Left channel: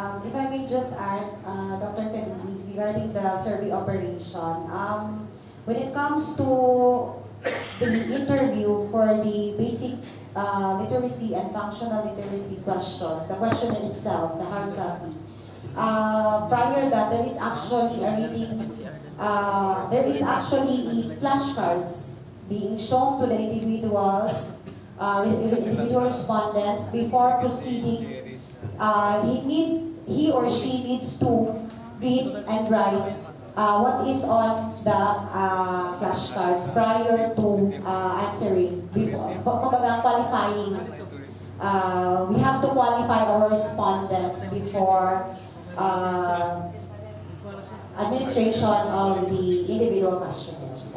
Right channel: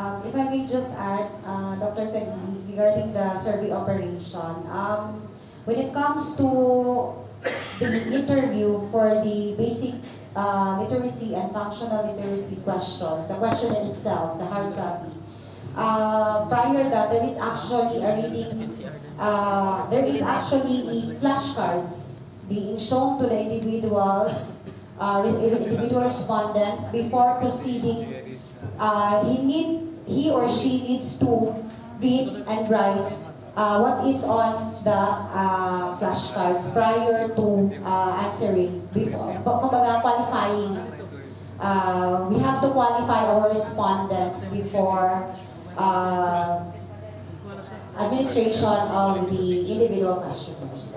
If I may just add, Dr. Khalid, regarding the survey operation, when it comes to the interview for the basic literacy and functional literacy questions, the question in itself, the hard copy, prior that there is actually a reading, there is actually flashcards being shown to the individuals, individual respondents before proceeding. He or she needs to read and write what is on the flashcards prior to answering. Kumbaga, qualifying. We have to qualify our respondents before administration of the individual questionnaires.